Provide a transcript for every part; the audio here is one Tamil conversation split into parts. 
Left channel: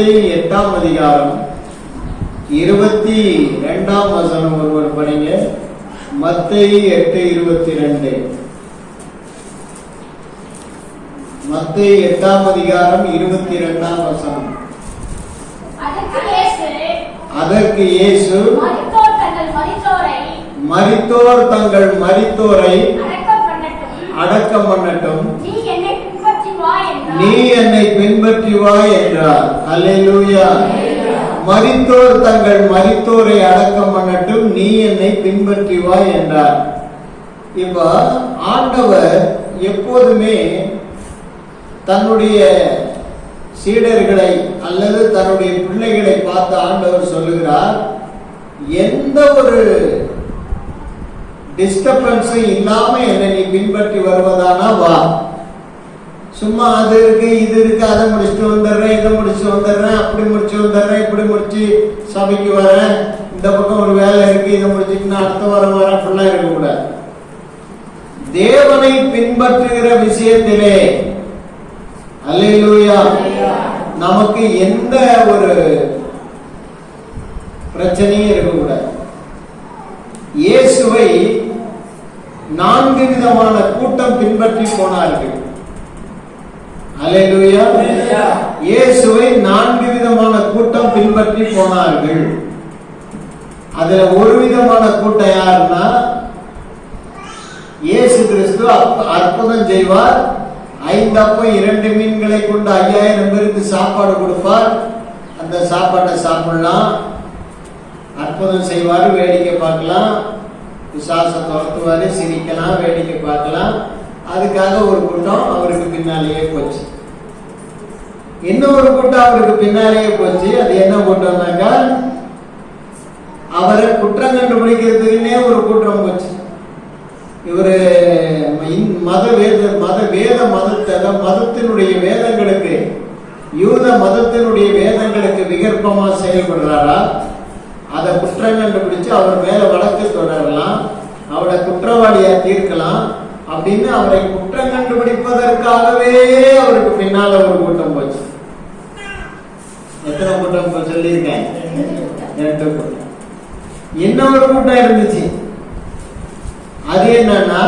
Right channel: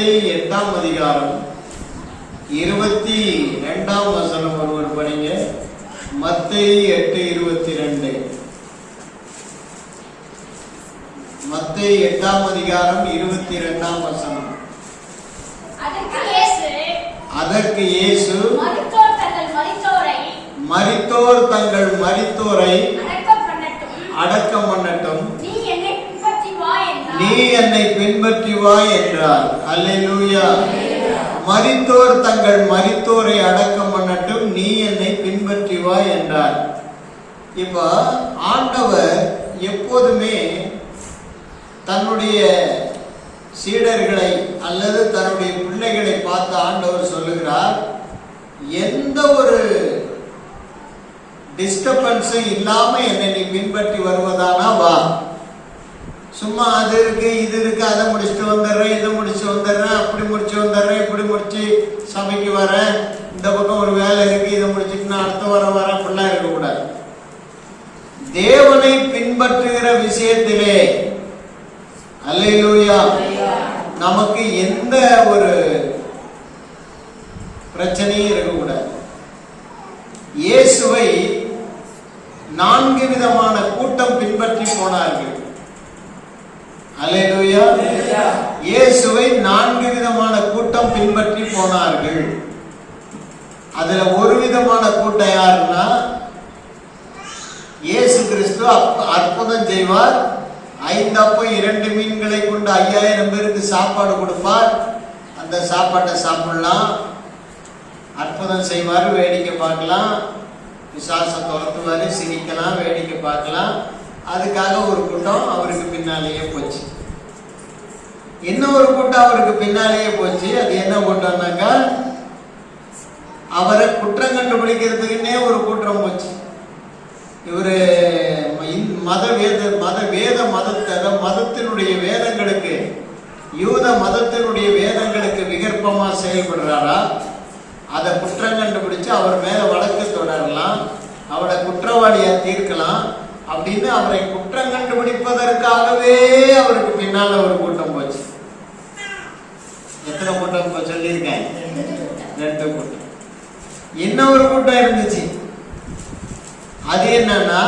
மத்தேயு எட்டாம் அதிகாரம் இருபத்தி ரெண்டாம் வசனம் ஒருவர் படிங்க. மத்தேயு எட்டு இருபத்தி ரெண்டு மத்தேயு எட்டாம் அதிகாரம் இருபத்தி ரெண்டாம் வசனம். அதற்கு இயேசு மரித்தோர் தங்கள் மரித்தோரை அடக்கம் பண்ணட்டும். நீ என்னை பின்பற்றி வா என்றார். அலையூயா என்னை மரித்தோர் தங்கள் மரித்தோரை அடக்கம் பண்ணட்டும் நீ என்னை பின்பற்றி வா என்றார். இப்ப ஆண்டவர் எப்போதுமே தன்னுடைய சீடர்களை அல்லது தன்னுடைய பிள்ளைகளை பார்த்து ஆண்டவர் சொல்லுகிறார் எந்த ஒரு டிஸ்டர்பன்ஸும் இல்லாம என்னை நீ பின்பற்றி வருவதானா வா. சும்மா அது முடிச்சு வந்துடுறேன் அப்படி முடிச்சு வந்துடுறேன் இப்படி முடிச்சு சபைக்கு வரேன். இந்த பக்கம் ஒரு வேலை இருக்கு இதை முடிச்சுட்டு நான் அடுத்த வாரம் வரேன் ஃபுல்லாக இருக்கக்கூடாது. தேவனை பின்பற்றுகிற விஷயத்திலே அல்லா நமக்கு எந்த ஒரு பிரச்சனையும் இருக்கக்கூடாது. இயேசுவை நான்கு விதமான கூட்டம் பின்பற்றி போனார்கள். இயேசுவை நான்கு விதமான கூட்டம் பின்பற்றி போனார்கள். அதுல ஒரு விதமான கூட்டம் யாருன்னா இயேசு கிறிஸ்து அற்புதம் செய்வார். ஐந்து இரண்டு மீன்களை கொண்டு ஐயாயிரம் பேருக்கு சாப்பாடு கொடுப்பார். அந்த சாப்பாட்டை சாப்பிடலாம். அற்புதம் செய்வார் வேடிக்கை பார்க்கலாம். விசாச துரத்துவாரு சிரிக்கலாம் வேடிக்கை பார்க்கலாம். அதுக்காக ஒரு கூட்டம் அவருக்கு பின்னாலேயே போச்சு. இன்னொரு கூட்டம் அவருக்கு பின்னாலேயே போச்சு. அது என்ன கூட்டம்னாக்கா அவரை குற்றம் கண்டுபிடிக்கிறதுக்குன்னே ஒரு கூட்டம் போச்சு. இவரு இந் மத வேத மத வேத மதத்தை மதத்தினுடைய வேதங்களுக்கு யூத மதத்தினுடைய வேதங்களுக்கு விகற்பமா செயல்படுறாரா அதை குற்றம் கண்டுபிடிச்சு அவர் மேல வழக்கு தொடரலாம் அவரை குற்றவாளியா தீர்க்கலாம் அப்படின்னு அவரை குற்றம் கண்டுபிடிப்பதற்காகவே அவருக்கு பின்னால ஒரு கூட்டம் போச்சு. எத்தனை கூட்டம் இப்ப சொல்லியிருக்கேன்? ரெண்டு கூட்டம். இன்னொரு கூட்டம் இருந்துச்சு. அது என்னன்னா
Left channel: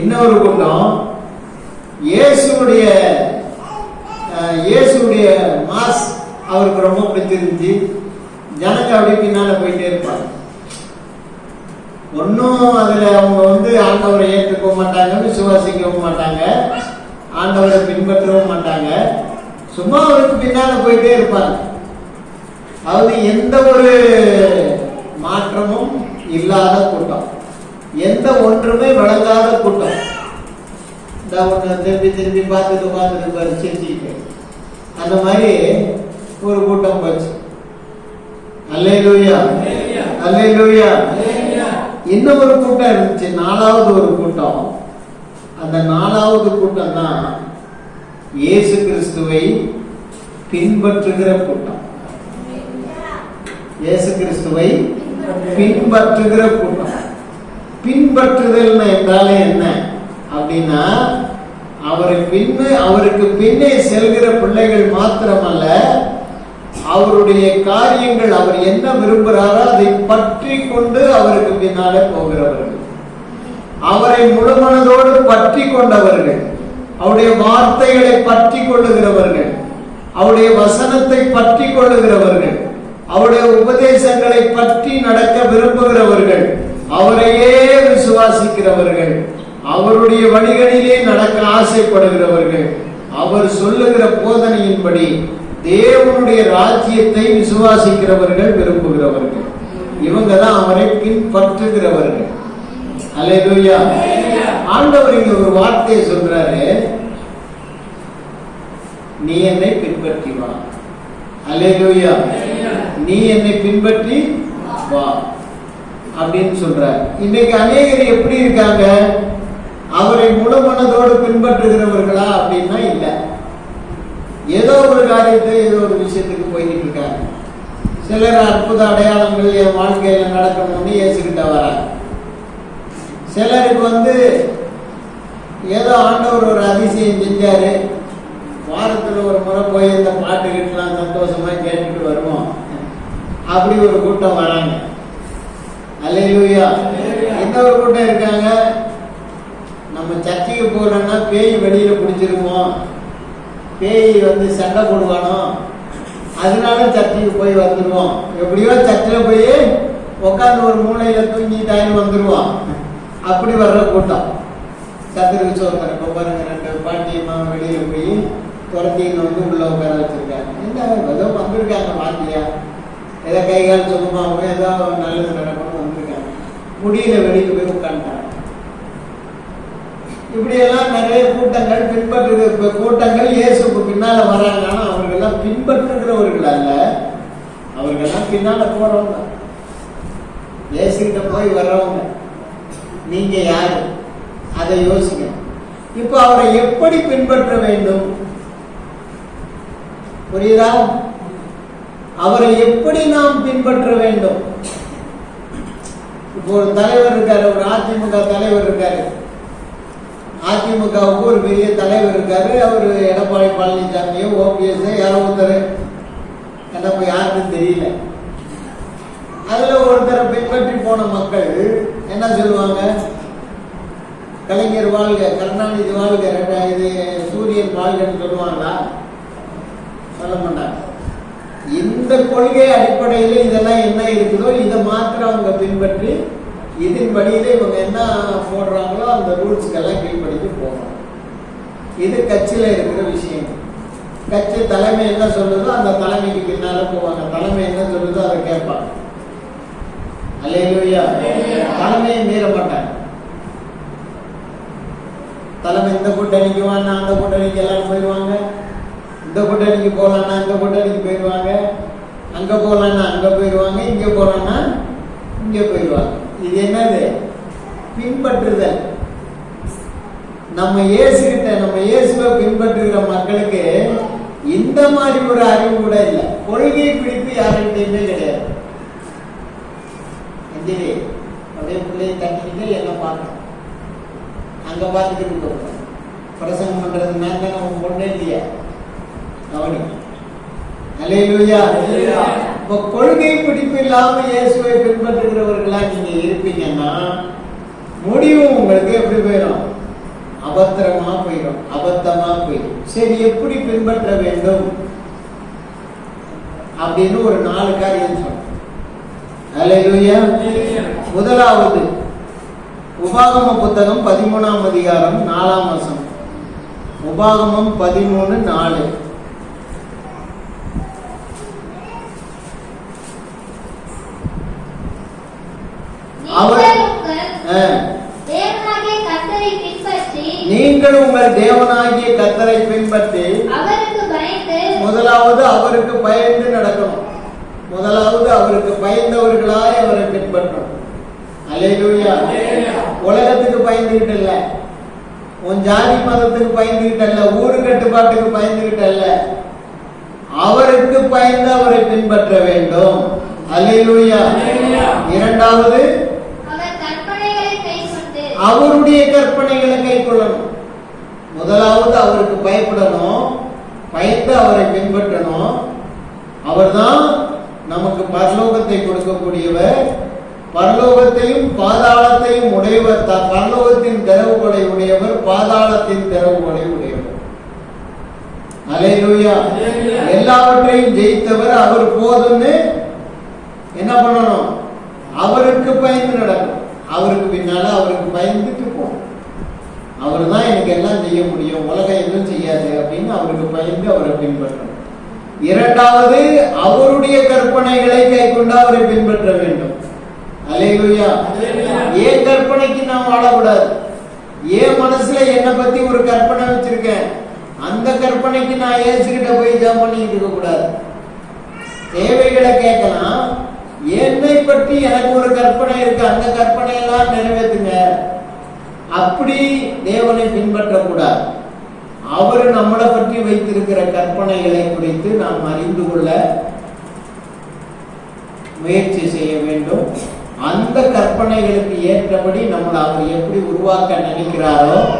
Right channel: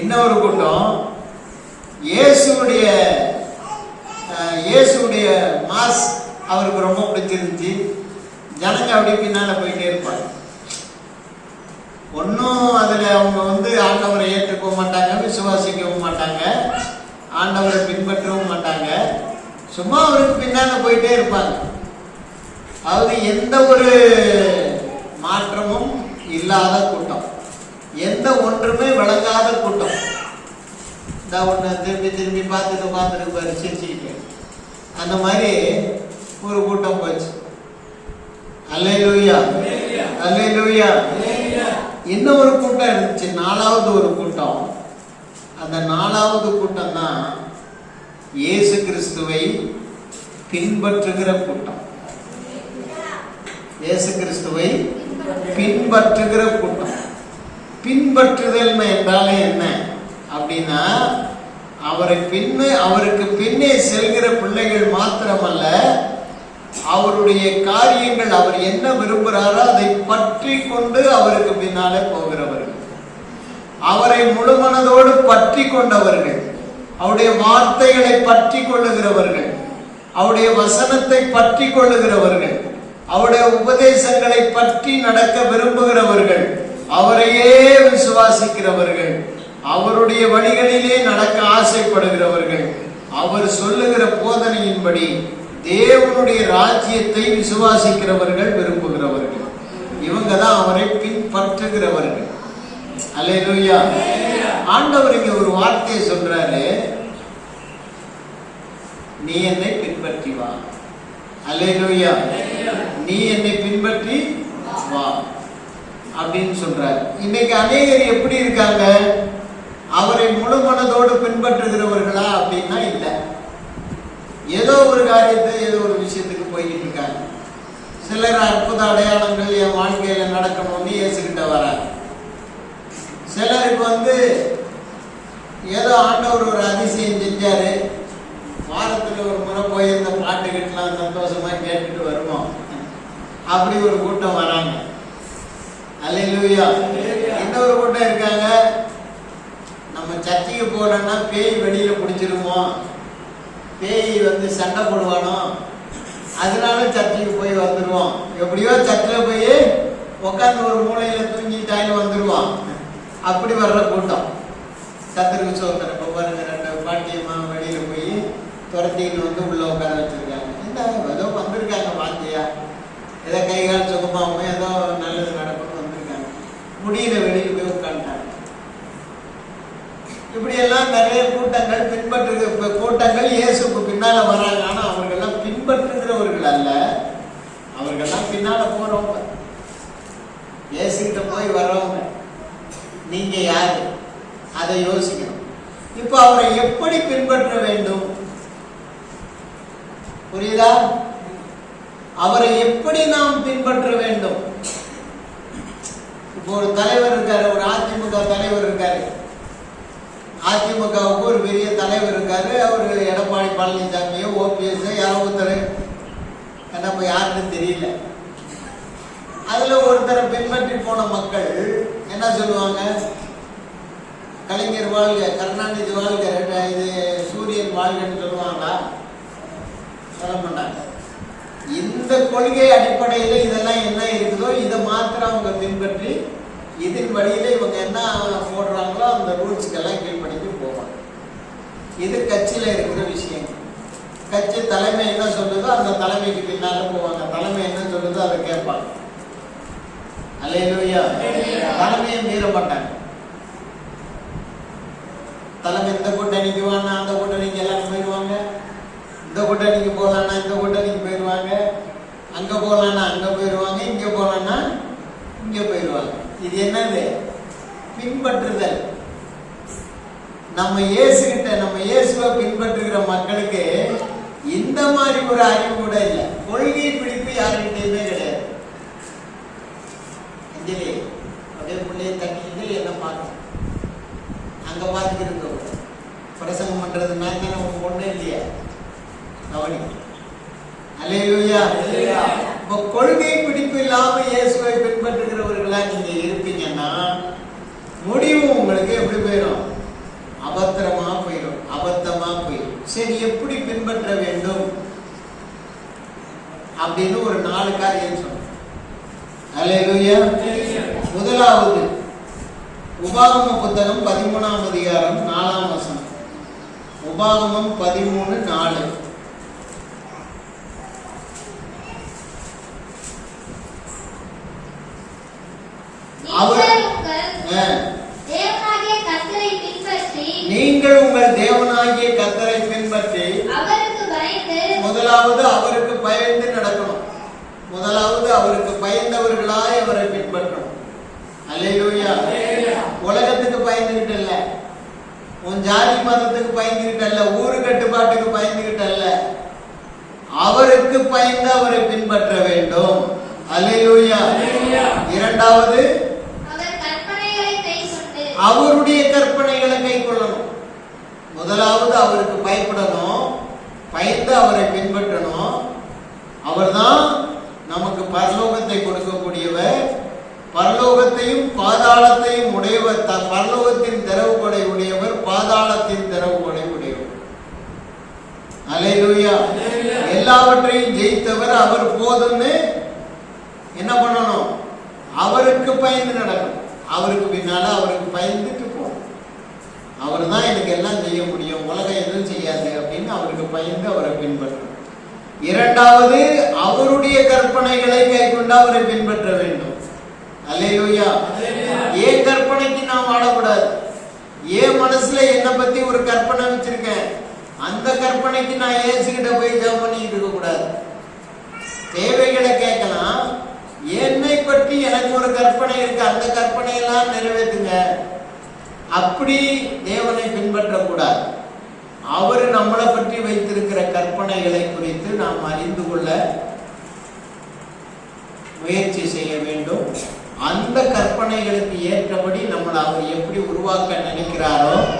இன்னொரு கூட்டம் இயேசுடைய இயேசுடைய மாஸ் அவருக்கு ரொம்ப பிடிச்சிருந்துச்சு. ஜனங்க அப்படியே பின்னால போயிட்டே இருப்பாங்க. ஒன்றும் அதுல அவங்க வந்து ஆண்டவரை ஏற்றுக்கவும் மாட்டாங்க விசுவாசிக்கவும் மாட்டாங்க ஆண்டவரை பின்பற்றவும் மாட்டாங்க. சும்மா அவருக்கு பின்னால போயிட்டே இருப்பாங்க. அதாவது எந்த ஒரு மாற்றமும் இல்லாத கூட்டம். எந்த ஒன்றுமே வழங்காத கூட்டம். இந்த ஒன்று திருப்பி திருப்பி பார்த்துட்டு பார்த்துட்டு பாரு சிரிச்சுக்கிட்டு அந்த மாதிரி ஒரு கூட்டம் போச்சு. அல்லேலூயா. அல்லேலூயா. இன்னொரு கூட்டம் இருந்துச்சு? நாலாவது ஒரு கூட்டம். அந்த நாலாவது கூட்டம் தான் இயேசு கிறிஸ்துவை பின்பற்றுகிற கூட்டம். இயேசு கிறிஸ்துவை பின்பற்றுகிற கூட்டம். பின்பற்றுதல் என்றாலே என்ன? அப்படின்னா அவரை பின்னே அவருக்கு பின்னே செல்கிற பிள்ளைகள் மாத்திரமல்ல அவருடைய காரியங்கள் அவர் என்ன விரும்புகிறாரோ அதை பற்றி கொண்டு அவருக்கு பின்னாலே போகிறவர்கள். அவரை முழுமனதோடு பற்றி கொண்டவர்கள் அவருடைய வார்த்தைகளை பற்றி கொள்ளுகிறவர்கள் அவருடைய வசனத்தை பற்றி கொள்ளுகிறவர்கள் அவருடைய உபதேசங்களை பற்றி நடக்க விரும்புகிறவர்கள் அவரையே விசுவாசிக்கிறவர்கள் அவருடைய வழிகளிலே நடக்க ஆசைப்படுகிறவர்கள் அவர் சொல்லுகிற போதனையின்படி தேவனுடைய ராஜ்யத்தை விசுவாசிக்கிறவர்கள் விரும்புகிறவர்கள். இவங்க தான் அவரை பின்பற்றுகிறவர்கள். அல்லேலூயா ஆண்டவர் இங்க ஒரு வார்த்தையை சொல்றாரு. நீ என்னை பின்பற்றி வா. அல்லேலூயா நீ என்னை பின்பற்றி வா. அப்படின்னு சொல்றார். இன்னைக்கு அநேகர் எப்படி இருக்காங்க? அவரை முழு மனதோடு பின்பற்றுகிறவர்களா அப்படின்னா இல்லை. ஏதோ ஒரு காரியத்தை ஏதோ ஒரு விஷயத்துக்கு போய்கிட்டு இருக்காங்க. சிலர் அற்புத அடையாளங்கள் என் வாழ்க்கையில நடக்கணும்னு ஏசுகிட்ட வராங்க. சிலருக்கு வந்து ஏதோ ஆண்டவர் ஒரு அதிசயம் செஞ்சாரு. வாரத்துல ஒரு முறை போய் இந்த பாட்டுக்கிட்டலாம் சந்தோஷமா கேட்டுட்டு வருவோம். அப்படி ஒரு கூட்டம் வராங்க. அல்லேலூயா. இந்த ஒரு கூட்டம் இருக்காங்க? நம்ம சர்ச்சைக்கு போகலன்னா பேய் வெளியில பிடிச்சிருவோம் பேய் வந்து சண்டை போடுவானோ? அதனால சர்ச்சைக்கு போய் வந்துடுவோம் எப்படியோ சர்ச்சில் போய் உட்காந்து ஒரு மூலையில தூங்கிட்டாயின்னு வந்துடுவோம் அப்படி வர்ற கூட்டம். கத்திரிக்கு சோதனை இப்போ பாருங்க ரெண்டு பாட்டியம்மா வெளியில் போய் துரத்தின்னு வந்து உள்ள உட்கார வச்சிருக்காங்க. இந்த ஏதோ வந்திருக்காங்க பாத்தியா ஏதோ கை கால் சுகமாகவும் ஏதோ நல்லது நடக்கும் வந்திருக்காங்க. முடியல வெளியில் போய் உட்காந்துட்டாங்க இப்படியெல்லாம் நிறைய கூட்டங்கள் பின்பற்று இப்போ கூட்டங்கள் இயேசுக்கு பின்னால் வராங்க. ஆனால் அவர்கள்லாம் பின்பற்றுகிறவர்கள் அல்ல. அவர்களெல்லாம் பின்னால் போறவங்க. இயேசுகிட்ட போய் வர்றவங்க. நீங்க யாரு? அதை யோசிக்கணும் இப்போ அவரை எப்படி பின்பற்ற வேண்டும்? புரியுதா? அவரை எப்படி நாம் பின்பற்ற வேண்டும்? இப்போ ஒரு தலைவர் இருக்காரு ஒரு அதிமுக தலைவர் இருக்காரு. அதிமுகவுக்கு ஒரு பெரிய தலைவர் இருக்காரு. அவர் எடப்பாடி பழனிசாமியோ ஓபிஎஸ் யாரோ ஒருத்தர். என்ன இப்போ யாருன்னு தெரியல. அதுல ஒருத்தரை பின்பற்றி போன மக்கள் என்ன சொல்லுவாங்க? கலைஞர் வாழ்க கருணாநிதி வாழ்க இது சூரியன் வாழ்கன்னு சொல்லுவாங்களா சொல்ல மாட்டாங்க. இந்த கொள்கை அடிப்படையில் இதெல்லாம் என்ன இருக்குதோ இதை மாத்திரம் அவங்க பின்பற்றி இதன் வழியில இவங்க என்ன போடுறாங்களோ அந்த ரூல்ஸ்க்கெல்லாம் கீழ்ப்படிந்து போகணும். இது கட்சியில இருக்கிற விஷயம். கட்சி தலைமை என்ன சொல்லுதோ அந்த தலைமைக்கு பின்னால போவாங்க. தலைமை என்ன சொல்லுதோ அதை கேட்பாங்க. அல்லையா தலைமையை மீற மாட்டாங்க. தலைமை இந்த கூட்டணிக்கு வானா அந்த கூட்டணிக்கு எல்லாரும் போயிடுவாங்க இந்த கூட்டணிக்கு போகலான்னா அந்த கூட்டணிக்கு போயிடுவாங்க அங்கே போகலான்னா அங்கே போயிடுவாங்க இங்கே போகலான்னா இங்கே போயிடுவாங்க இது என்னது? பின்பற்றுதல். நம்ம இயேசுகிட்ட நம்ம இயேசுவை பின்பற்றுகிற மக்களுக்கு இந்த மாதிரி ஒரு அறிவு கூட இல்லை. கொள்கை பிடிப்பு யாருக்கிட்டையுமே கிடையாது. அஞ்சலி அப்படியே பிள்ளையை தட்டிக்கிட்டு என்ன பார்க்கணும் அங்க பார்த்துக்கிட்டு போறோம். பிரசங்கம் பண்றது நான் தானே உன் பொண்ணு இல்லையா? அவனி அலையிலுயா. இப்ப கொள்கை பிடிப்பு இல்லாம இயேசுவை பின்பற்றுகிறவர்களா நீங்க இருப்பீங்கன்னா முடிவு உங்களுக்கு எப்படி போயிடும்? அபத்திரமா போயிடும். அபத்தமா போயிடும். சரி எப்படி பின்பற்ற வேண்டும்? அப்படின்னு ஒரு நாலு காரியம் சொன்னோம் அல்லேலூயா முதலாவது உபாகம புத்தகம் பதிமூணாம் அதிகாரம் நாலாம் வசனம் உபாகமம் பதிமூணு நாலு அவர்- நீங்கள் உங்கள். தேவனாகிய கத்தரை பின்பற்றி முதலாவது அவருக்கு பயந்து நடக்கணும் முதலாவது அவருக்கு பயந்தவர்களாய் அவரை பின்பற்றணும் அல்லேலூயா அல்லேலூயா. உலகத்துக்கு பயந்துகிட்டு இல்ல உன் ஜாதி மதத்துக்கு பயந்துகிட்டு அல்ல ஊரு கட்டுப்பாட்டுக்கு பயந்துகிட்டு அல்ல அவருக்கு பயந்து அவரை பின்பற்ற வேண்டும். அல்லேலூயா. அல்லேலூயா. இரண்டாவது அவர் கற்பனைகளை கைக்கொண்டு. அவருடைய கற்பனைகளை கை கொள்ளணும் முதலாவது அவருக்கு பயப்படணும். பயந்து அவரை பின்பற்றணும். அவர்தான் நமக்கு பரலோகத்தை கொடுக்கக்கூடியவர். பரலோகத்தையும் பாதாளத்தையும் உடையவர் த- பரலோகத்தின் திறவுகோலை உடையவர் பாதாளத்தின் திறவுகோலை உடையவர். அலையூயா எல்லாவற்றையும் ஜெயித்தவர் அவர் போதும்னு என்ன பண்ணணும்? அவருக்கு பயந்து நடக்கும். அவருக்கு பின்னால அவருக்கு பயந்துட்டு போகணும். அவர் தான் எனக்கு எல்லாம் செய்ய முடியும். உலகம் எதுவும் செய்யாது அப்படின்னு அவருக்கு பயந்து அவரை பின்பற்றணும். இரண்டாவது அவருடைய கற்பனைகளை கைக்கொண்டு அவரை பின்பற்ற வேண்டும். ஏன் கற்பனைக்கு நான் வாழக்கூடாது. ஏன் மனசுல என்னை பத்தி ஒரு கற்பனை வச்சிருக்கேன். அந்த கற்பனைக்கு நான் ஏசுகிட்ட போய் ஜெபம் பண்ணிட்டு இருக்க கூடாது தேவைகளை கேட்கலாம். என்னை பற்றி எனக்கு ஒரு கற்பனை இருக்கு. அந்த கற்பனை எல்லாம் நிறைவேற்றுங்க. அப்ப அப்படி தேவனை பின்பற்றக்கூடாது. அவர் நம்மளை பற்றி வைத்திருக்கிற கற்பனைகளை குறித்து நாம் அறிந்து கொள்ள முயற்சி செய்ய வேண்டும். அந்த கற்பனைகளுக்கு ஏற்றபடி நம்மளை அவர் எப்படி உருவாக்க நினைக்கிறாரோ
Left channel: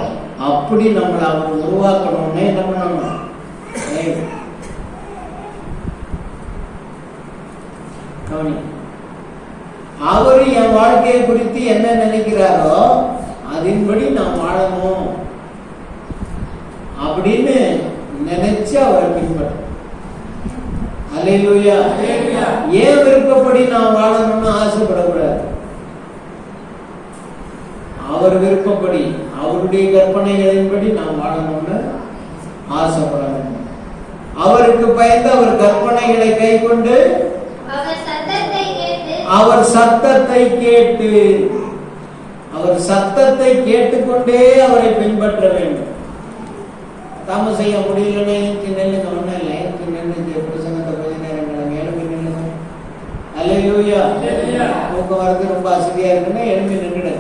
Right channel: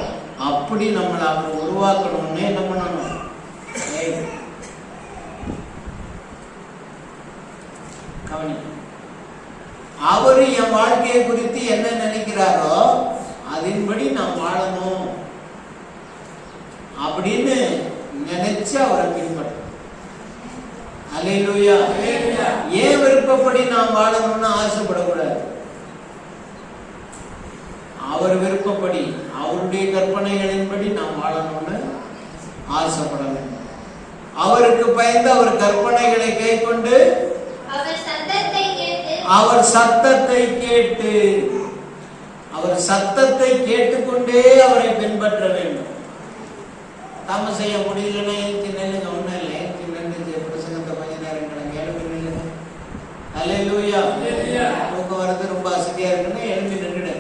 அப்படி நம்மளை அவர் உருவாக்கணும்னு என்ன பண்ணணும். கவனி. அவர் என் வாழ்க்கையை குறித்து என்ன நினைக்கிறாரோ அதன்படி நான் வாழணும். அப்படின்னு நினைச்சு அவரை பின்பற்றணும். அல்லேலூயா. ஏன் விருப்பப்படி நான் வாழணும்னு ஆசைப்படக்கூடாது அவர் விருப்பப்படி அவருடைய கற்பனைகளின்படி நான் வாழணும்னு ஆசைப்பட வேண்டும் அவருக்கு பயந்து அவர் கற்பனைகளை கை கொண்டு அவர் சத்தத்தை கேட்டு அவர் சத்தத்தை கேட்டு அவர் சத்தத்தை கேட்டுக்கொண்டே அவரை பின்பற்ற வேண்டும். தாம செய்ய முடியலனே திண்ணு ஒன்றும் இல்லை. திண்ணு பிரசங்கத்தை கொஞ்ச நேரம் கிளம்பி எழுப்பி நில்லுங்க. அல்லேலூயா. அல்லேலூயா. போக்குவரத்து ரொம்ப வசதியா இருக்குன்னா எழுப்பி நின்றுடு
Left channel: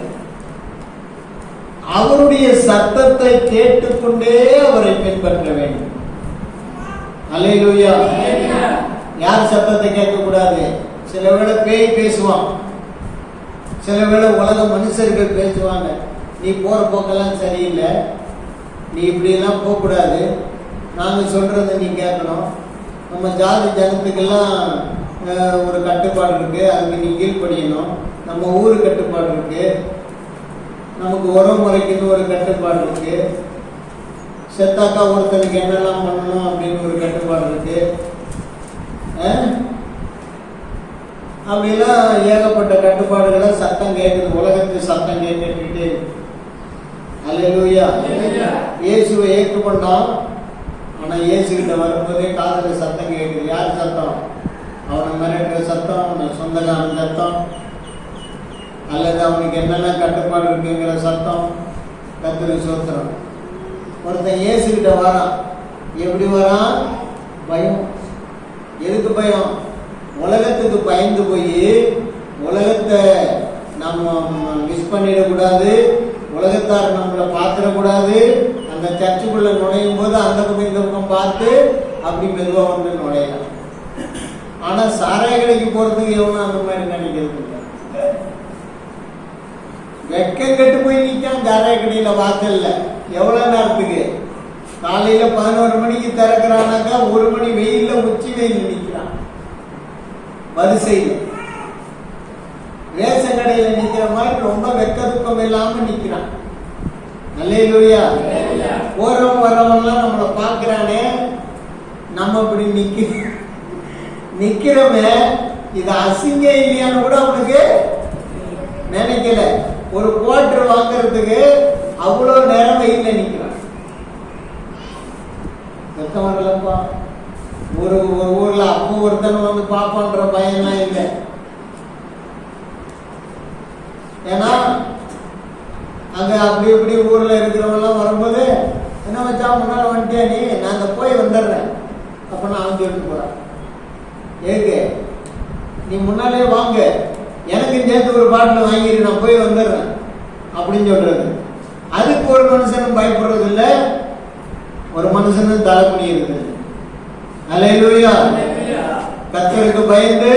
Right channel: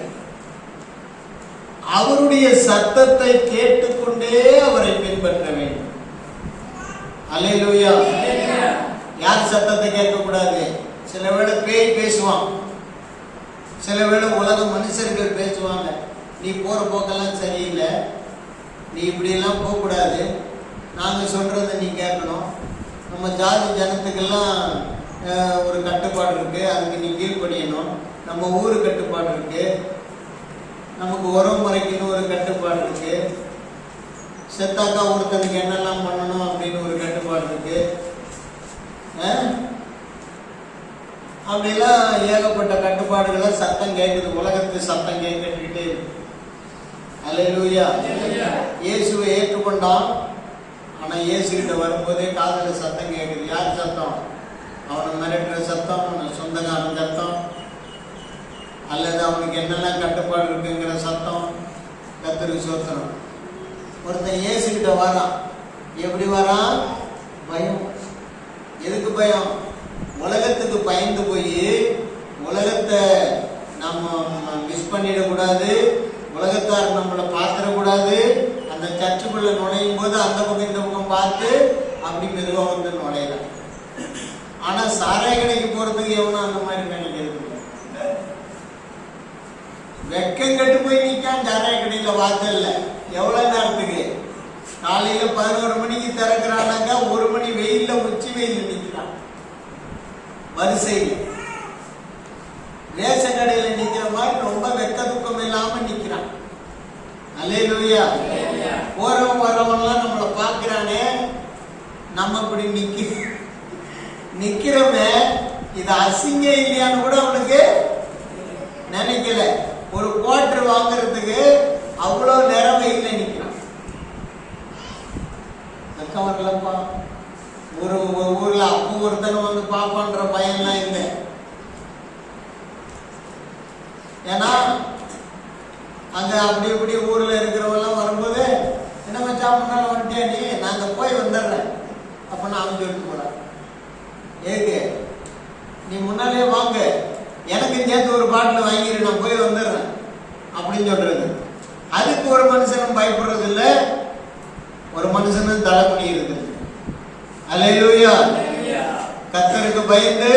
அவருடைய சத்தத்தை கேட்டுக்கொண்டே அவரை பின்பற்ற வேண்டும். அல்லேலூயா. யார் சத்தத்தை கேட்க கூடாது சில வேளை பேய் பேசுவான். சில வேளை உலக மனுஷர்கள் பேசுவாங்க. நீ போற போக்கெல்லாம் சரியில்லை. நீ இப்படியெல்லாம் போகக்கூடாது. நாங்கள் சொல்கிறத நீ கேட்கணும். நம்ம ஜாதி ஜனத்துக்கெல்லாம் ஒரு கட்டுப்பாடு இருக்கு. அதுக்கு நீ கீழ்ப்படியணும். நம்ம ஊர் கட்டுப்பாடு இருக்கு. நமக்கு உரம் முறைக்குன்னு ஒரு கட்டுப்பாடு இருக்கு. செத்தாக்கா ஒருத்தனுக்கு என்னெல்லாம் பண்ணணும் அப்படின்னு ஒரு கட்டுப்பாடு இருக்கு? அப்படிலாம் ஏகப்பட்ட கட்டுப்பாடுகளை சத்தம் கேட்குது. உலகத்து சத்தம் கேட்டுக்கிட்டே. அல்லேலூயா. இயேசுவை ஏற்றுக்கொண்டான். ஆனா இயேசு கிட்ட வரும்போதே காதுல சத்தம் கேட்குது. யார் சத்தம்? அவனை மிரட்டுற சத்தம் சொந்தக்காரன் சத்தம். அல்லது அவனுக்கு என்னென்ன கட்டுப்பாடு இருக்குங்கிற சத்தம் கத்திரி சோத்திரம். ஒருத்தன் ஏசுகிட்ட வரான். எப்படி வரான்? பயம். எதுக்கு பயம்? உலகத்துக்கு பயந்து போய் உலகத்தை நம்ம மிஸ் பண்ணிடக்கூடாது உலகத்தார் நம்மளை பார்த்துடக்கூடாது அந்த சர்ச்சுக்குள்ளே நுழையும் போது அந்த பக்கம் இந்த பக்கம் பார்த்து அப்படி மெதுவாக வந்து நுழையலாம். ஆனால் சாராய கடைக்கு போகிறதுக்கு எவனும் அந்த மாதிரி நினைக்கிறது இல்லை வெக்கம் கெட்டு போய் நிக்காம சாராய கடையில் வாசல்ல. எவ்வளோ நேரத்துக்கு? காலையில் பதினோரு மணிக்கு திறக்கிறானாக்கா ஒரு மணி வெயிலில் உச்சி வெயில் நிற்கிறான் வரிசையில் ரேஷன் கடையில் நிற்கிற மாதிரி ரொம்ப வெக்க துக்கம் நிற்கிறான் நிக்கிறான். அல்லேலூயா. போறவன் வர்றவன்லாம் நம்மளை பார்க்குறானே. நம்ம இப்படி நிற்க நிற்கிறவன் இது அசிங்க இல்லையான்னு கூட அவனுக்கு நினைக்கல. ஒரு குவார்டர் வாங்குறதுக்கு அவ்வளோ நேரம் வெயில்ல நிக்கிறான் வெக்கம் வரலப்பா. ஒரு ஒரு ஊர்ல அப்போ ஒருத்தன் வந்து பாப்பான்ற பயம்லாம் இல்லை. ஏன்னா அங்க அப்படி இப்படி ஊர்ல இருக்கிறவங்களாம் வரும்போது என்ன வச்சா முன்னால வந்துட்டே நீ? நாங்க போய் வந்துடுறேன். அப்படின்னு அவன் சொல்லிட்டு போறான். ஏங்க நீ முன்னாலே வாங்க. எனக்கு சேர்த்து ஒரு பாட்டில் வாங்கிடு நான் போய் வந்துடுறேன். அப்படின்னு சொல்றது. அதுக்கு ஒரு மனுஷனும் பயப்படுறது இல்லை ஒரு மனுஷனும் தலை குனியிருக்கு அலையிலூயா. கத்தருக்கு பயந்து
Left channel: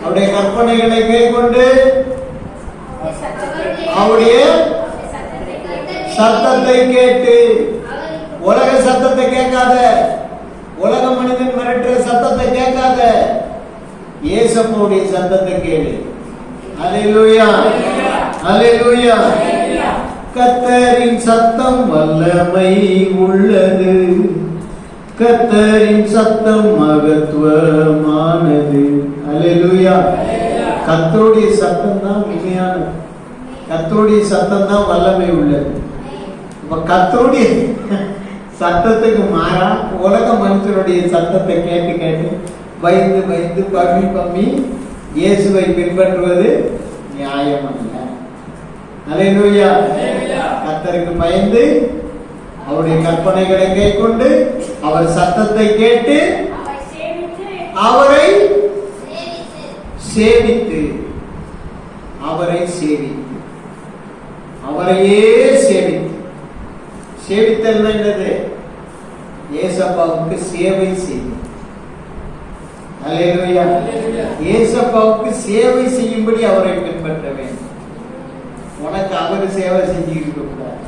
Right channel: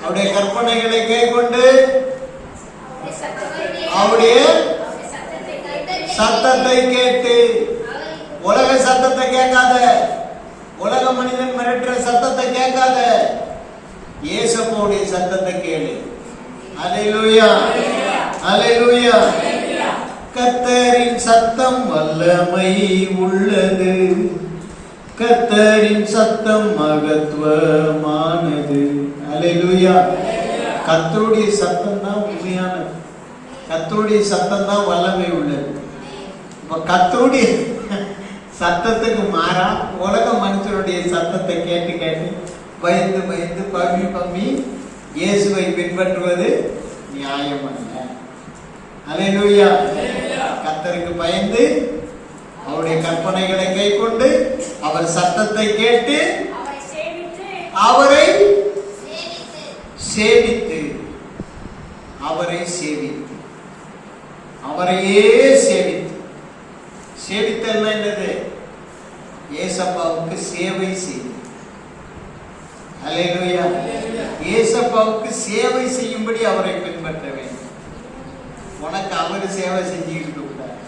அவருடைய கற்பனைகளை கைக்கொண்டு அவருடைய சத்தத்தை கேட்டு உலக சத்தத்தை கேட்காத உலக மனிதன் மிரட்டுற சத்தத்தை கேட்காத இயேசப்போடைய சத்தத்தை கேளு. அலையிலுயா அலையிலுயா கத்தரின் சத்தம் வல்லமை உள்ளது. கத்தரின் சத்தம் மகத்துவமானது. அலையிலுயா கத்தருடைய சத்தம் தான் உண்மையானது. கத்தருடைய சத்தம் தான் வல்லமை உள்ளது. கத்தருடைய சத்தத்துக்கு மாறா உலக மனுஷனுடைய சத்தத்தை கேட்டு கேட்டு பயந்து பயந்து பம்மி பம்மி இயேசுவை பின்பற்றுவது நியாயமல்ல. அலையிலூயா கத்தருக்கு பயந்து அவருடைய கற்பனைகளை கைக்கொண்டு அவர் சத்தத்தை கேட்டு அவரை சேவித்து அவரை சேவித்து. அவரையே சேவித்து. சேவித்தல்னா என்னது? ஏசப்பாவுக்கு சேவை செய்யும் அல்லேலூயா ஏசப்பாவுக்கு சேவை செய்யும்படி அவரை பின்பற்ற வேண்டும். உனக்கு அவர் சேவை செஞ்சுக்கிட்டு கூடாது.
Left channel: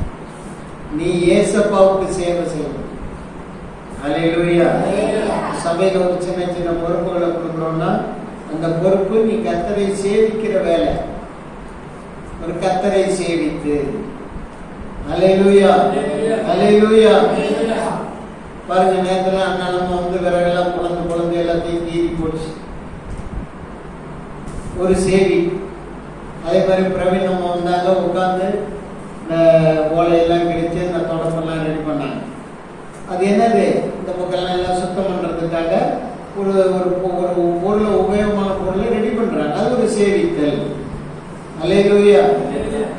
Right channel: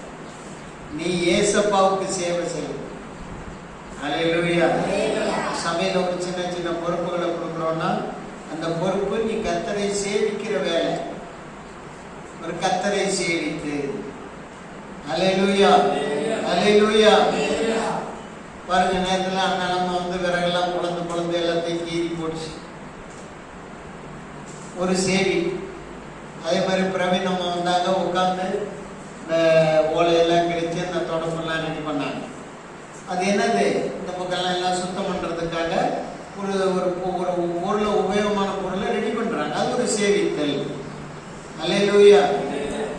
நீ ஏசப்பாவுக்கு சேவை செய்யணும். அல்லேலூயா சபையில் ஒரு சின்ன சின்ன பொறுப்புகளை கொடுக்குறோம்னா அந்த பொறுப்பு நீ கத்தரை சேவிக்கிற வேலை. ஒரு கத்தரை சேவித்து. அல்லேலூயா அல்லேலூயா பாருங்க நேரத்துல அண்ணன் நம்ம வந்து விறகெல்லாம் குழந்தை எல்லாத்தையும் கீறி போட்டுச்சு ஒரு சேவி அதே மாதிரி பிரவீன் நம்ம வந்தாங்க உட்காந்து இந்த ஓலையெல்லாம் கிழிச்சு இந்த தோட்டத்தெல்லாம் ரெடி பண்ணாங்க. அது என்னது? இந்த பக்கம்லாம் எல்லாம் சுத்தம் பண்றதுக்காக ஒரு ஒரு ஒரு பொருளை உபயோகமான பொருளை ரெடி பண்றாங்க. அது ஒரு சேவித்தல் அல்லேலூயா.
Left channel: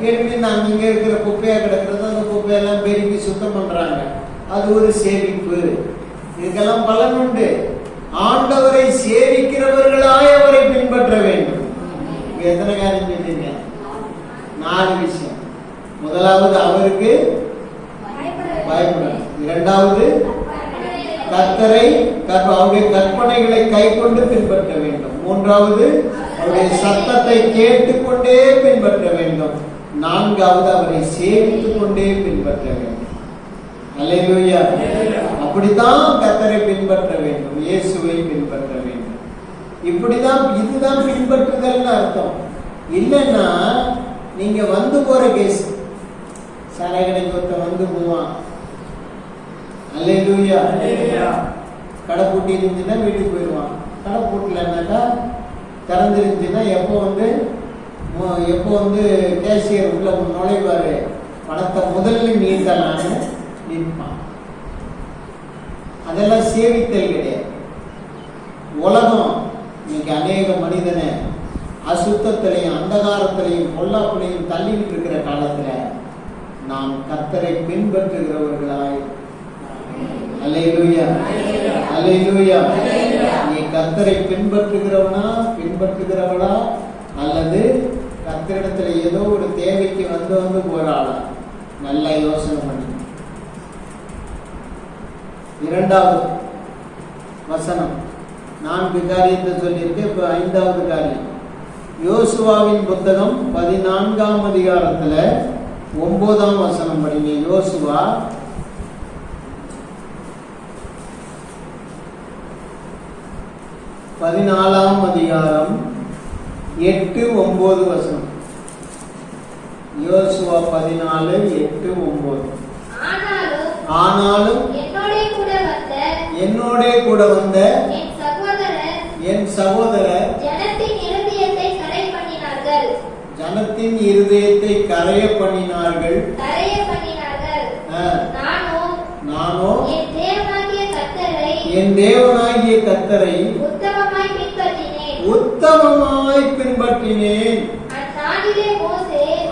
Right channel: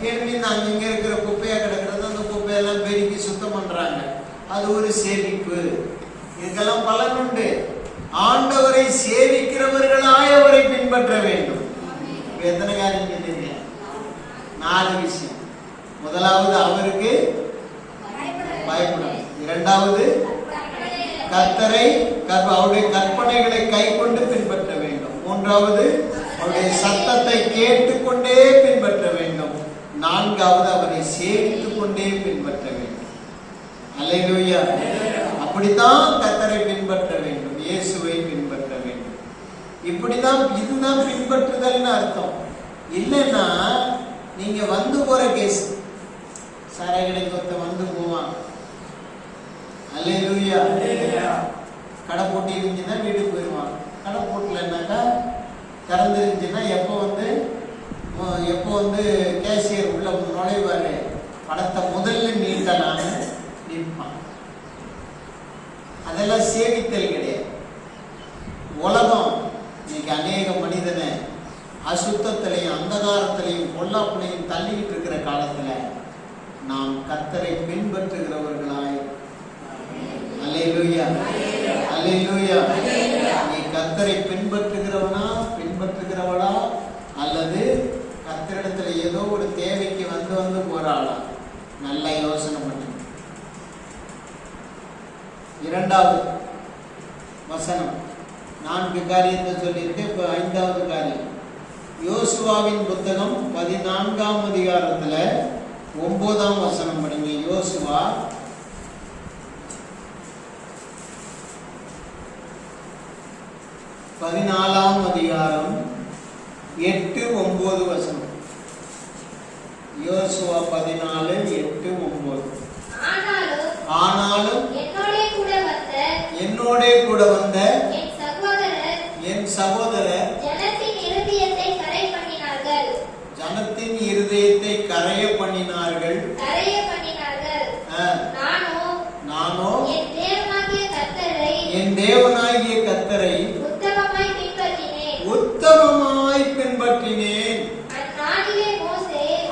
ஏற்கனவே நாங்கள் இங்கே இருக்கிற குப்பையாக கிடக்கிறது அந்த குப்பையெல்லாம் பெருக்கி சுத்தம் பண்றாங்க. அது ஒரு சேமிப்பு. இதுக்கெல்லாம் பலன் உண்டு. ஆண்டு சேவிக்கிறவர்களாய் அவரை பின்பற்ற வேண்டும் இப்ப எத்தனை காரியம் செஞ்சீங்க நாலு விஷயம் முதலாவது அவருக்கு பயப்படணும் இரண்டாவது கர்த்தரை கற்ப- அவருடைய கற்பனைகளை கை கொண்டு பின்பற்ற வேண்டும் மூன்றாவது அவருடைய சத்தத்தை கேட்டுக்கொண்டே பின்பற்ற வேண்டும் நான்காவது அவரை சேவித்துக் கொண்டே பின்பற்ற வேண்டும் அல்லேலூயா அப்படித்தான் கர்த்தரை பின்பற்ற வேண்டும் இயேசுவை பின்பற்ற வேண்டும் இப்படிதான் இதுதான் பின்பற்றுதல்னு அர்த்தம் இல்லைன்னா நீங்க வந்து போற கேஸ் சாராய கடைக்கு ஒருத்தன் வந்து போவான் அல்லேலூயா கடை பூட்டி இருந்துச்சுன்னா வீட்டுக்கு போயிடுவான் கடை பூட்டலைன்னாக்கா திறந்துருந்துச்சுன்னா எப்போ வந்து எப்போ வந்து கேஷியர் உள்ள நுழைவாரு? பணத்தை முதல்ல நீட்டலான்னு நிற்பான். அதெல்லாம் சேவித்தல் கிடையாது. உலகம் இன்னைக்கு அநேக மனிதனை அசுத்தத்திலையும் அந்தகாரத்திலையும் பொல்லாப்பிலையும் தள்ளிக்கிட்டு இருக்கிற காலத்துல நாம் கத்தரை பின்பற்றுகிறவர்களாய் அல்லேலூயா அல்லேலூயா நீ கத்தரை பின்பற்றுகிறவனா? பின்பற்றுகிறவளா? அல்லது கத்தரிடத்துல ஏதோ ஒரு தேவைக்கு வந்து வந்து போறாளா? நல்ல யோசனை பண்ணு. இரண்டாவது வசனம். நான்கு காரியத்தை சொல்லியிருக்கேன் இப்போ ஐந்தாவது காரியம். யோசுவாவின் புத்தகம் பதினான்காம் அதிகாரத்துல ஒன்பதாம் வசனம் படிங்க. யோசுவா பதினாலாம் அதிகாரம் எட்டு ஒன்பது வசனம். யோசுவா பதினாலு எட்டு ஒன்பது ஆனாலும் என்னோடே கூட வந்த என் சகோதரர் ஜனத்தின் இருதயத்தை கரைய பண்ணினார்கள். நானோ என் தேவனாகிய கத்தரை உத்தமமாய் பின்பற்றினேன்.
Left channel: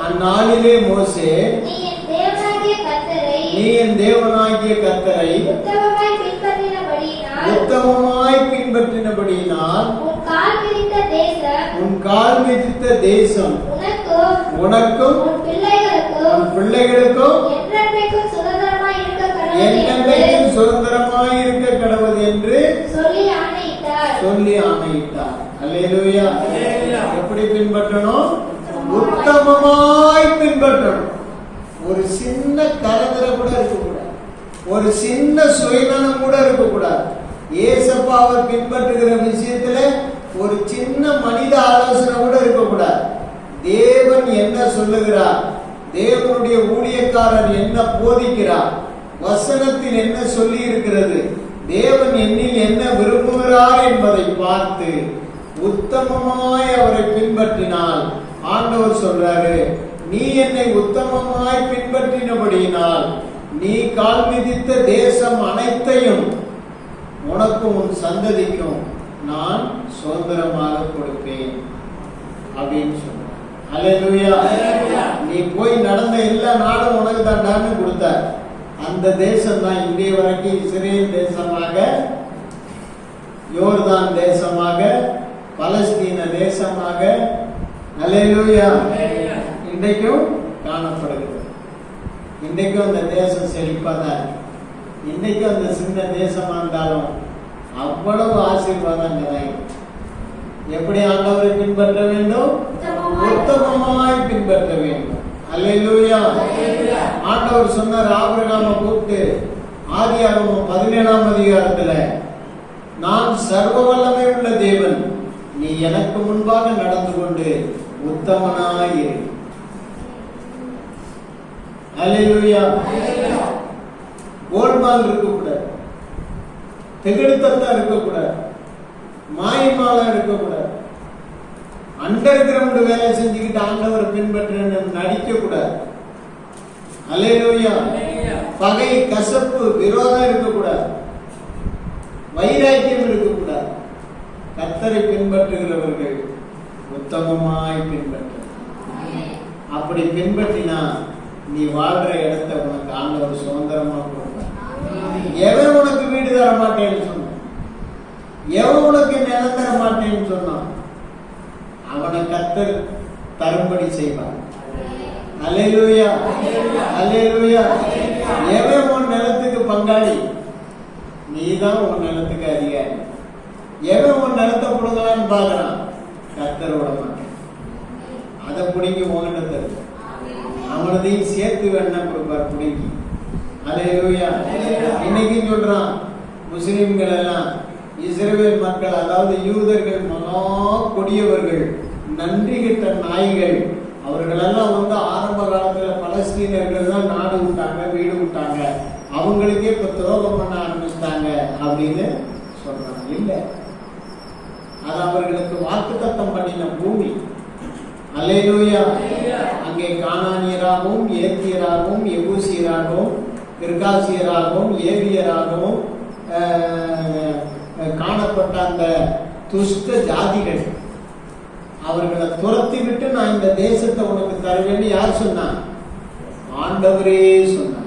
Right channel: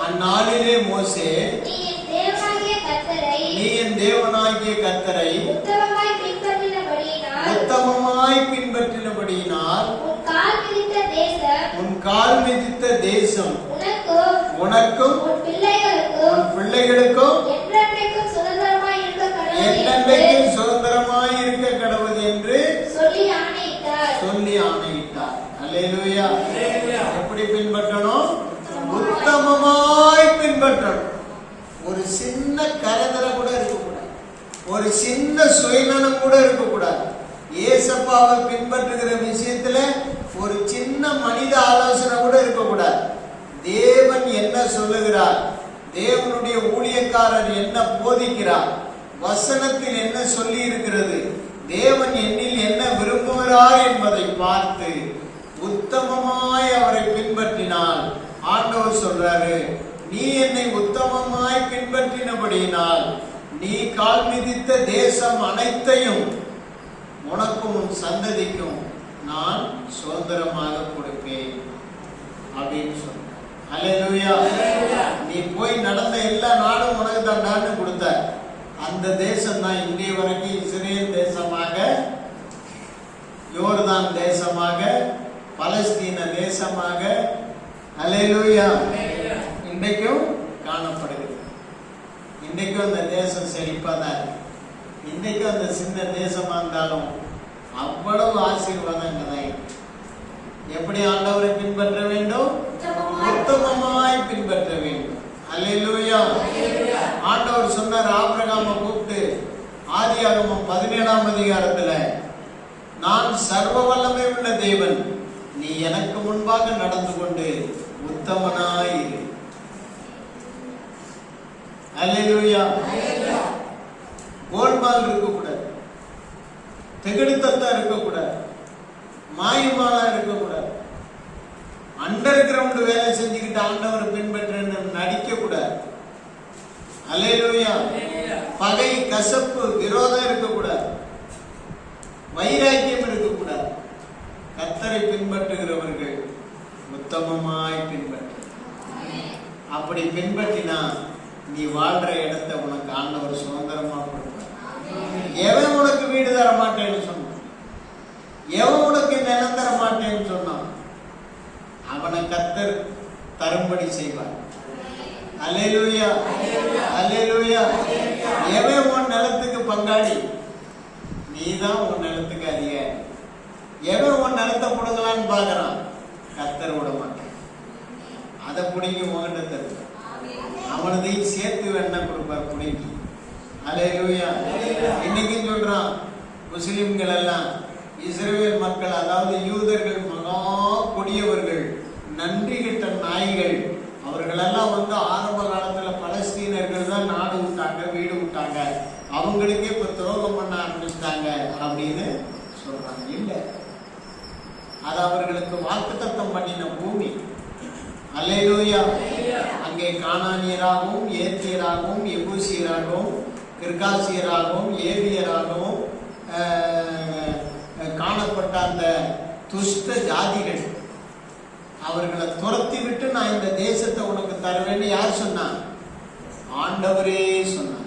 அந்நாளிலே மோசே நீ என் தேவனாகிய கத்தரை உத்தமமாய் பின்பற்றினபடியினால் உன் கால் மிதித்த தேசம் உனக்கும் உனக்கும் உன் பிள்ளைகளுக்கும் பிள்ளைகளுக்கும் என்றென்றைக்கும் சுதந்திரமாய் இருக்க கடவுள் என்று என்னென்றைக்கும் சுதந்திரமாய் இருக்க கடவுள் என்று சொல்லி ஆணையிட்டார் சொல்லி ஆணையிட்டார் அல்லேலூயா எப்படி பின்பற்றணும்? உத்தமமாய் பின்பற்றணும். ஒரு சின்ன கரதர கூட இருக்கக்கூடாது. ஒரு சின்ன சுயநலம் கூட இருக்கக்கூடாது. ஏசப்பாவை பின்பற்றுகிற விஷயத்துல ஒரு சின்ன மனித ஆலோசனை கூட இருக்கக்கூடாது. தேவன் என்ன சொல்லுகிறார்? தேவனுடைய ஊழியக்காரர் என்ன போதிக்கிறார்? வசனத்தில் என்ன சொல்லி இருக்கிறது தேவன் என்னில் என்ன விரும்புகிறார் என்பதை பார்த்து உத்தமமாய் அவரை பின்பற்றினால் ஆண்டவர் சொல்றாரு நீ என்னை உத்தமமாய் பின்பற்றினபடியினால் நீ கால் மிதித்த தேசம் அனைத்தையும் உனக்கும் உன் சந்ததிக்கும் நான் சுதந்திரமாக கொடுப்பேன். அப்படின்னு சொல்றார். நீ போய் நடந்த எல்லா நாடும் உனக்கு தாண்டான்னு கொடுத்தார். அந்த தேசம் தான் இந்திய வரைக்கும் இஸ்ரேல் தேசமாக யோர்தான் தேசமாக பலஸ்தீன தேசமாக அல்லேலூயா. இன்றைக்கும் காணப்படுகிறது. இன்றைக்கும் அந்த தேசம் செழிப்பாக தான் இருக்கு. இன்றைக்கும் அந்த சின்ன தேசமாக இருந்தாலும் அவ்வளவு ஆசீர்வாதம் அங்கே தான் இருக்கு. எப்படி ஆண்டவரை பின்பற்ற வேண்டும்? உத்தமமாய் பின்பற்ற வேண்டும். அல்லேலூயா. ஆண்டவர் சொன்னார் ஆபிரகாம கூப்பிட்டு ஆதியாகமம் பதினேழாம் அதிகாரத்துல நான் சர்வ வல்லமை உள்ள தேவன். எனக்கு முன்பாக நடந்து கொண்டு உத்தமனாயிரு. அல்லேலூயா. கோல்மால் இருக்கக்கூடாது. திகடுத்தத்தான் இருக்கக்கூடாது. மாயமாலா இருக்கக்கூடாது. அண்டர் கிரவுண்ட் வேலை செஞ்சுக்கிட்டு ஆண்டவரை பின்பற்ற நடிக்க கூடாது அலையிலூயா பகை கசப்பு விரோதம் இருக்கக்கூடாது வைராக்கியம் இருக்கக்கூடாது கத்தரை பின்பற்றுகிறவர்கள் உத்தமமாய் பின்பற்ற. அப்படி பின்பற்றினா நீ வாழ்ற இடத்தை உனக்கு ஆண்டவர் சுதந்திரமா கொடுப்பார். எவன் உனக்கு வீடு தர மாட்டேன்னு சொன்னான்? எவன் உனக்கு நிலம் தர மாட்டேன்னு சொன்னான்? அவனை கத்தர் தரும்படி செய்வார். அல்லேலூயா அல்லேலூயா எவன் உன் நிலத்துக்கு பங்காளி நீதான் உன் நிலத்துக்கு அதிகாரி எவன் உன் நிலத்தை கொடுக்கலான்னு கத்தரோட மாட்டேன் அதை பிடிங்கி உங்ககிட்ட தருவார் அவனதையும் சேர்த்து வேணா கொடுப்பார் பிடிங்கி. அலையா இன்னைக்கும் சொல்றான் முஸ்லிம்கள் எல்லாம் இஸ்ரேல் மக்கள் அதாவது யூதர்கள் மனோ கொடியவர்கள் நன்றி கிட்ட நாய்கள் அவர்கள் எல்லாம் வந்து ஆரம்ப காலத்துல பலஸ்தீனர்கள் தான் நாடு விட்டாங்க வீடு விட்டாங்க. அவங்களுக்கே இப்போ துரோகம் பண்ண ஆரம்பிச்சிட்டாங்க அப்படின்னு சொல்றாங்க. இல்ல. அது அவர்களுக்கு வாக்குத்தத்தம் பண்ணின பூமி. அல்லேலூயா. அங்கே காணானியராகவும் ஏத்தியராகவும் எபூசியராகவும் கிர்காசியராகவும் ஏவியராகவும் காணப்பட்ட அந்த துஷ்ட ஜாதிகள். அவர்களை துரத்தி விட்டு நான் இந்த தேசத்தை உனக்கு தருவேன்னு யார் சொன்னா? ஆண்டவரே சொன்னார்.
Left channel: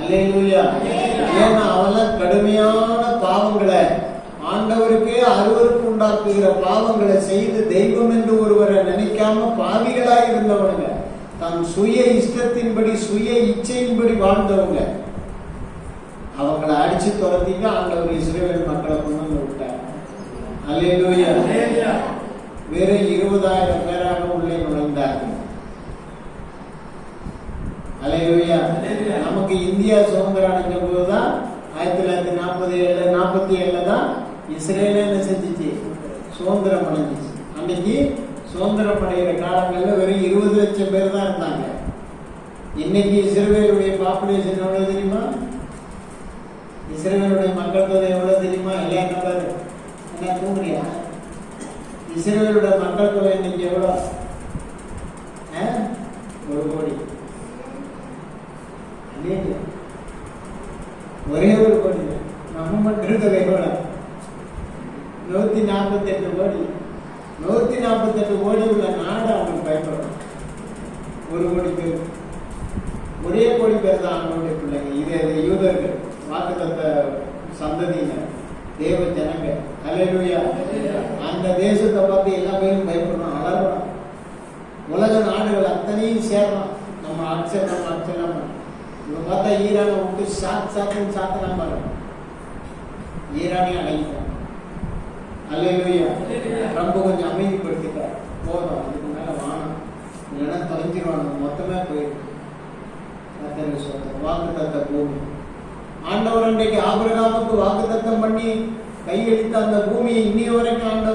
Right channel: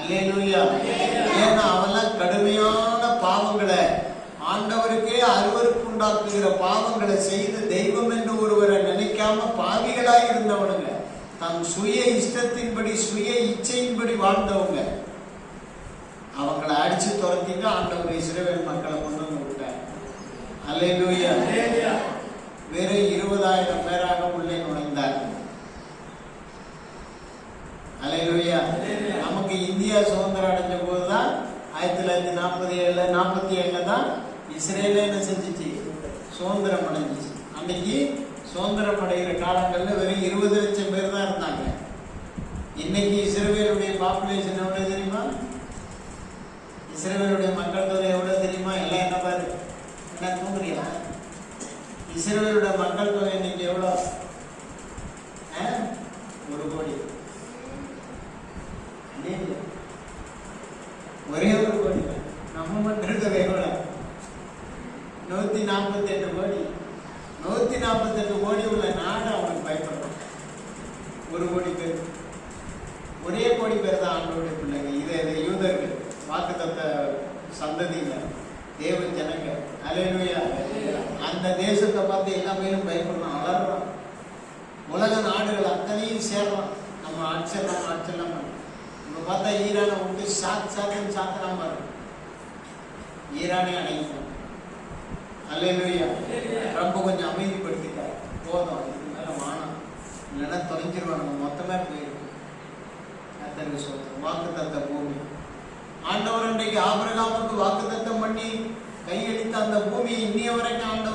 அல்லேலூயா. ஏன்னா அவெல்லாம் கடுமையான பாவங்களை ஆண்டவருக்கே அருவருக்கு உண்டாக்குகிற பாவங்களை செய்து தெய்வம் என்று ஒருவரை நினைக்காம பாவிகளாய் இருந்தவனுங்க தம் சுய இஷ்டத்தின்படி சுய இச்சையின்படி வாழ்ந்தவங்க. அவங்களை அடிச்சு துரத்திட்டு ஆண்டவர் என்ன இஸ்ரேலோட மக்கள் தொகை இன்னைக்கு எவ்வளோ? ஒரு கோடி. ஒரே ஒரு கோடி. நம்ம மக்கள் தொகை எவ்வளோ நூற்றி நாற்பத்தெட்டு கோடி. நூற்றி நாற்பத்தெட்டு கோடி உள்ள நாடு அவனுக்கு பயப்படும் ஒரு கோடி பேர் ஒரே கோடி பேர் தான் ஆண்டோடைய பிள்ளைங்க இது இது யூதர்கள் வாக்குத்தத்த சந்ததிங்க தேவ ஜனங்க அல்லேலூயா அந்த தேசத்தை பார்த்து எல்லா பேரும் பயப்படணும் அலறணும் உலக நாடுகள் அத்தனையும் சேரணும் நம்ம அடிச்சிடலாம் நம்ம அடிச்சிடலாம் இப்ப பார்த்தா ஈரானை விட்டு சாத் சாத்துன்னு சாத்தலாம் பாருங்க ஈரானே அடையும் அல்லேலூயா ரொம்ப கொஞ்சம் அமைதிப்படுத்திட்டார் போதும் அதுக்கு மேல வானம் இல்லைன்னா தொலைஞ்சிருவாங்க மொத்தமே போயிருக்கு. கத்தருக்கு சொந்தம். வாக்கு தத்த பூமி. ஆண்டவர் அன்றைக்கு ஆபிரகாமுக்கு வாக்கு தத்தம் பண்ணி கையளித்த அந்த பூமியை இன்னைய வரைக்கும் ஆண்டவர்